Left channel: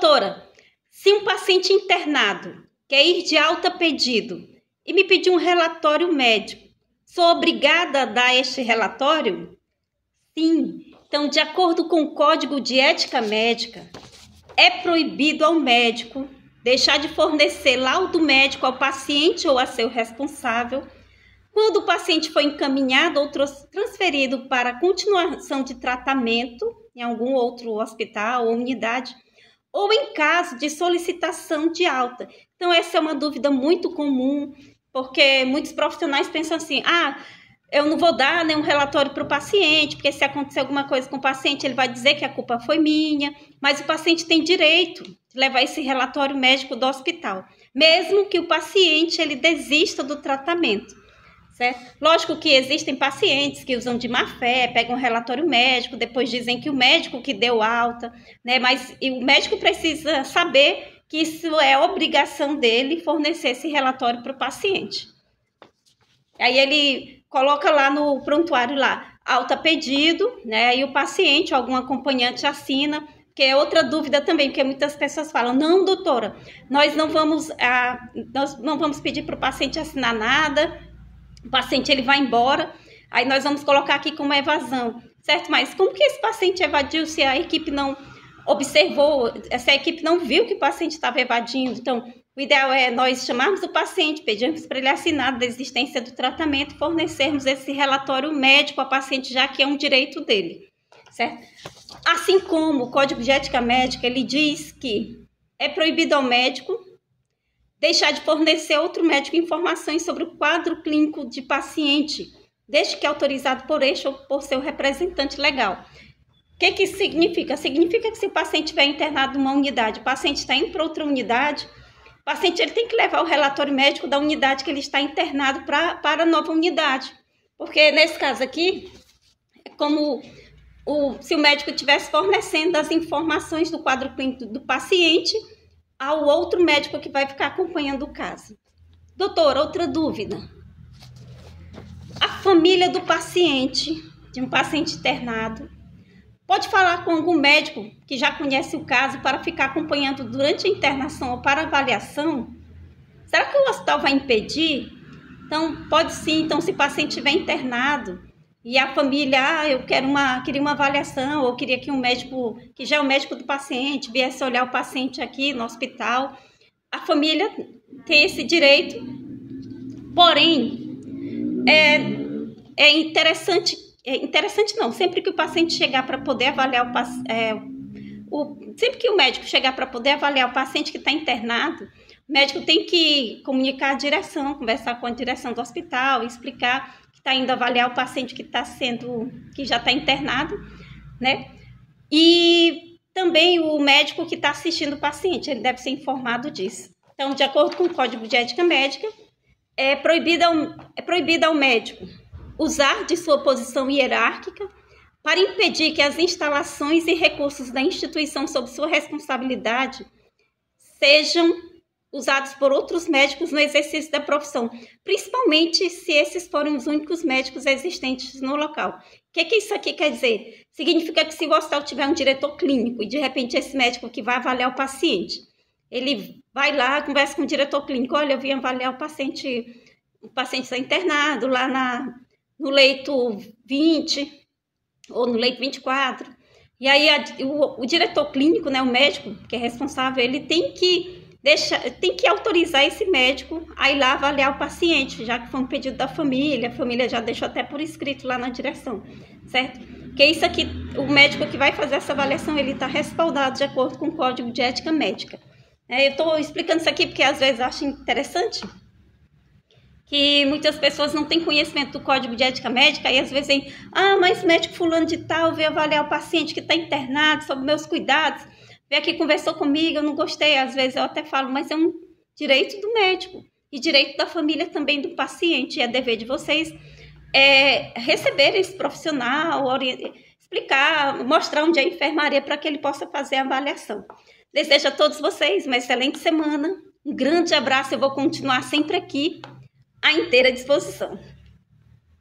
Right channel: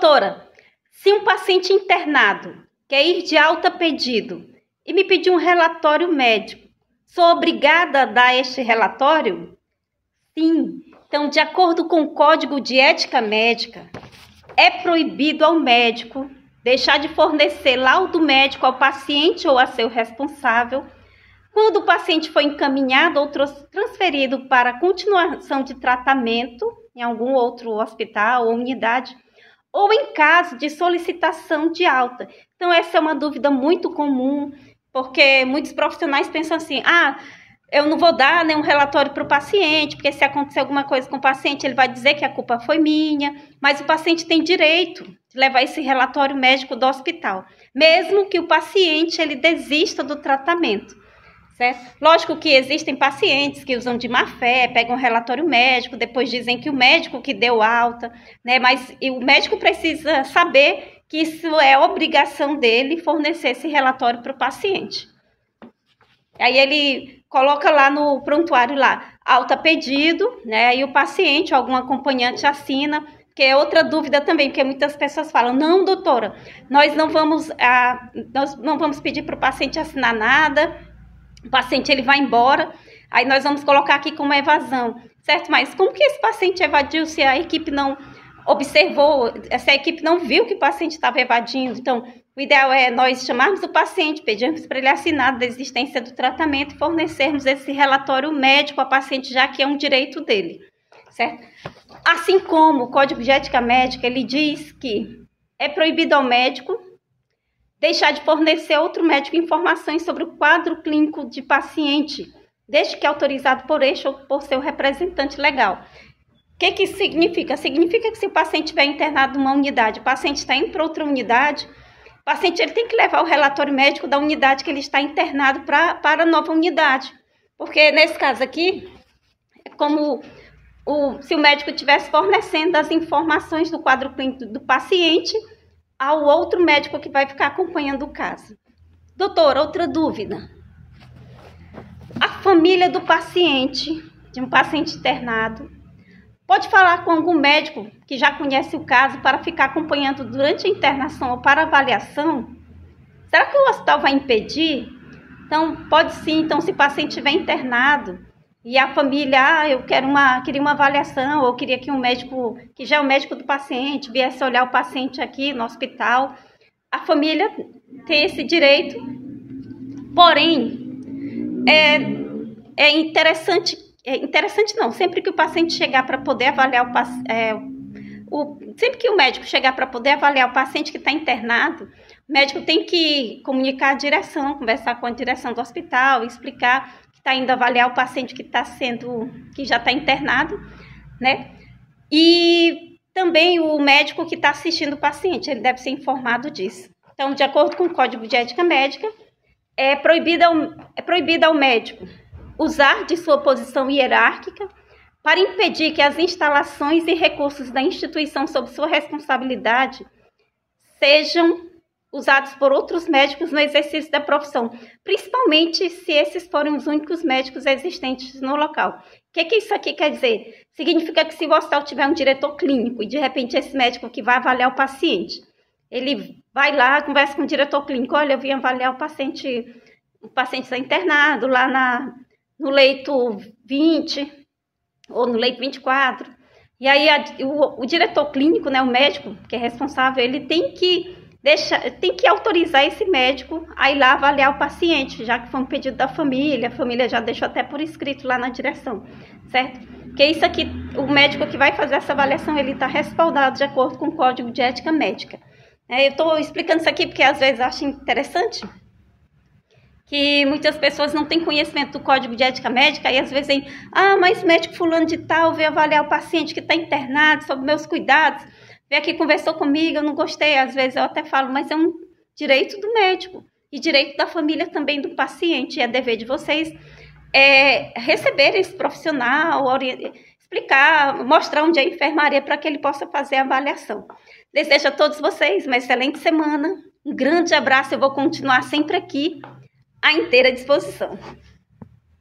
Doutora, se um paciente internado quer ir de alta a pedido e me pedir um relatório médico, sou obrigada a dar este relatório? Sim. Então, de acordo com o Código de Ética Médica, é proibido ao médico deixar de fornecer laudo médico ao paciente ou a seu responsável quando o paciente foi encaminhado ou transferido para continuação de tratamento em algum outro hospital ou unidade, ou em caso de solicitação de alta. Então, essa é uma dúvida muito comum, porque muitos profissionais pensam assim, eu não vou dar nenhum relatório para o paciente, porque se acontecer alguma coisa com o paciente, ele vai dizer que a culpa foi minha, mas o paciente tem direito de levar esse relatório médico do hospital, mesmo que o paciente ele desista do tratamento, certo? Lógico que existem pacientes que usam de má fé, pegam um relatório médico, depois dizem que o médico que deu alta, né? Mas o médico precisa saber que isso é obrigação dele fornecer esse relatório para o paciente. Aí ele coloca lá no prontuário lá, alta pedido, né? E o paciente, algum acompanhante assina, que é outra dúvida também, porque muitas pessoas falam, não, doutora, nós não vamos pedir para o paciente assinar nada, o paciente ele vai embora, aí nós vamos colocar aqui como evasão, certo? Mas como que esse paciente evadiu se a equipe não observou, se a equipe não viu que o paciente estava evadindo? Então, o ideal é nós chamarmos o paciente, pedirmos para ele assinar a desistência do tratamento e fornecermos esse relatório médico ao paciente, já que é um direito dele, certo? Assim como o Código de Ética Médica, ele diz que é proibido ao médico deixar de fornecer a outro médico informações sobre o quadro clínico de paciente, desde que autorizado por este ou por seu representante legal. O que isso significa? Significa que se o paciente estiver internado numa unidade, o paciente está indo para outra unidade, o paciente ele tem que levar o relatório médico da unidade que ele está internado para a nova unidade. Porque nesse caso aqui, é como se o médico estivesse fornecendo as informações do quadro clínico do paciente ao outro médico que vai ficar acompanhando o caso. Doutora, outra dúvida. A família do paciente, de um paciente internado, pode falar com algum médico que já conhece o caso para ficar acompanhando durante a internação ou para avaliação? Será que o hospital vai impedir? Então, pode sim. Então, se o paciente estiver internado e a família, eu queria uma avaliação, ou queria que um médico, que já é o médico do paciente, viesse olhar o paciente aqui no hospital, a família tem esse direito. Porém, é interessante não, sempre que o paciente chegar para poder avaliar sempre que o médico chegar para poder avaliar o paciente que está internado, o médico tem que comunicar a direção, conversar com a direção do hospital, explicar que está indo avaliar o paciente que já está internado, né? E também o médico que está assistindo o paciente, ele deve ser informado disso. Então, de acordo com o Código de Ética Médica, é proibido ao médico usar de sua posição hierárquica para impedir que as instalações e recursos da instituição sob sua responsabilidade sejam usados por outros médicos no exercício da profissão, principalmente se esses forem os únicos médicos existentes no local. O que isso aqui quer dizer? Significa que se o hospital tiver um diretor clínico e de repente esse médico que vai avaliar o paciente, ele vai lá, conversa com o diretor clínico, olha, eu vim avaliar o paciente está internado lá no leito 20 ou no leito 24, e aí o diretor clínico, né, o médico que é responsável, ele tem que autorizar esse médico a ir lá avaliar o paciente, já que foi um pedido da família, a família já deixou até por escrito lá na direção, certo? Porque isso aqui, o médico que vai fazer essa avaliação, ele está respaldado de acordo com o Código de Ética Médica. Eu estou explicando isso aqui porque às vezes eu acho interessante que muitas pessoas não têm conhecimento do Código de Ética Médica e às vezes dizem, mas médico fulano de tal veio avaliar o paciente que está internado, sobre meus cuidados, veio aqui, conversou comigo, eu não gostei. Às vezes eu até falo, mas é um direito do médico e direito da família também do paciente. É dever de vocês receber esse profissional, explicar, mostrar onde é a enfermaria para que ele possa fazer a avaliação. Desejo a todos vocês uma excelente semana, um grande abraço, eu vou continuar sempre aqui à inteira disposição.